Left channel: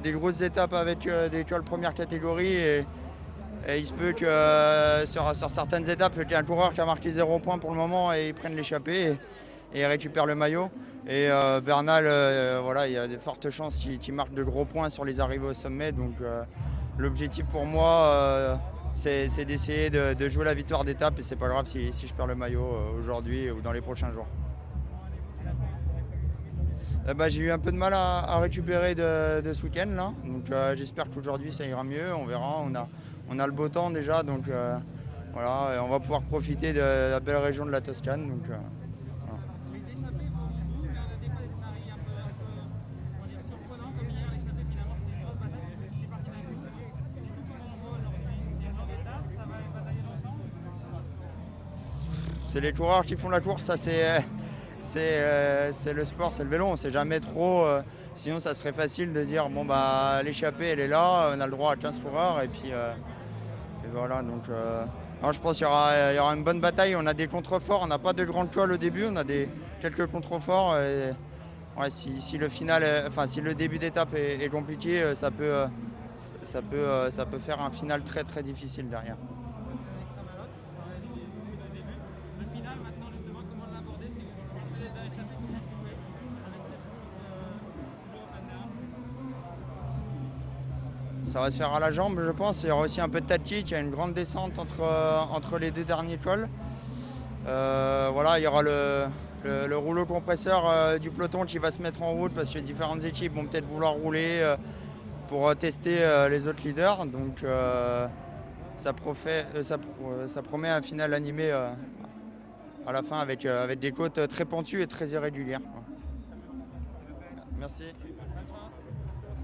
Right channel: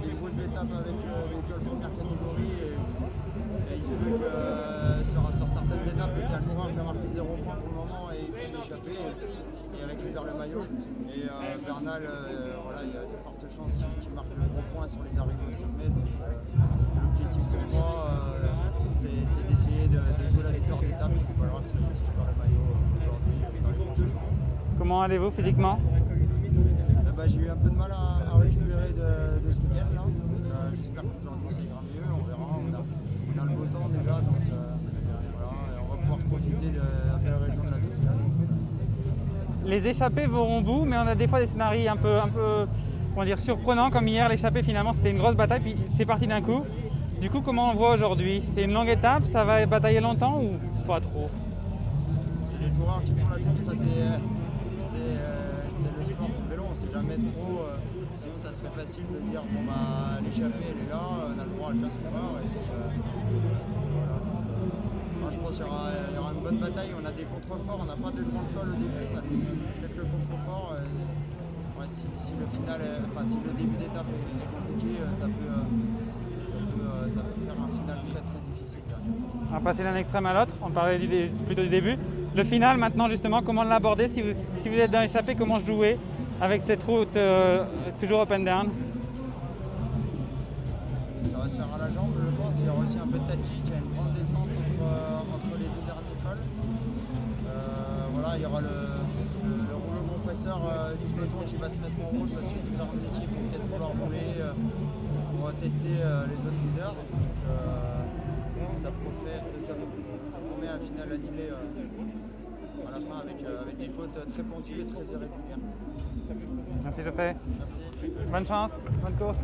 des grosses étapes avec des cols première catégorie et il se peut que sur certaines étapes, qu'il y ait un coureur qui a marqué 0 points pour le moment et il prenne l'échappée et il récupère le maillot. Et Bernal, voilà, il y a de fortes chances qu'il marque de gros points sur les arrivées au sommet. Donc l'objectif pour moi, c'est d'essayer de jouer la victoire d'étape et c'est pas grave si je perds le maillot aujourd'hui ou dans les prochains jours. Comment allez-vous physiquement? J'ai eu un peu de mal à récupérer de ce week-end là, donc j'espère qu'aujourd'hui ça ira mieux, on verra, on a le beau temps déjà, donc voilà, et on va pouvoir profiter de la belle région de la Toscane. Donc, Les échappées vont au bout, mais on a des fois des scénarios un peu comment dire, surprenants, comme hier, l'échappée finalement c'était une grosse bataille, puis c'est parti d'un coup. Du coup, comment on voit aujourd'hui? C'est une longue étape, ça va batailler longtemps ou pas trop? c'est les coureurs qui font la course, ça c'est le sport, c'est le vélo, on sait jamais trop. Sinon, ça serait facile de dire bon bah l'échappée elle est là, on a le droit à 15 coureurs et puis et voilà. Donc, je pense qu'il y aura une bonne bataille. On a des contreforts, on n'a pas de grandes cols au début, on a quelques contreforts. Et, ouais, si le final, si le début d'étape est compliqué, ça peut faire un final très très difficile derrière. On va passer d'un extrême à l'autre, on parlait plutôt du début. Le final maintenant justement, comment l'aborder si vous êtes dans l'échappée, comment jouer avec cette route toujours up and down? Ça va se faire à la jambe, je pense. Il y aura aussi un peu de tactique. Il y a une grande descente entre les deux derniers cols. Voilà, il y aura le rouleau compresseur du peloton qui va se mettre en route parce que différentes équipes vont peut-être vouloir rouler pour tester les autres leaders. Donc ça promet un final animé à la fin avec des côtes très pentues et très irrégulières. Merci Geoffrey. Merci. Bonne chance, bonne course.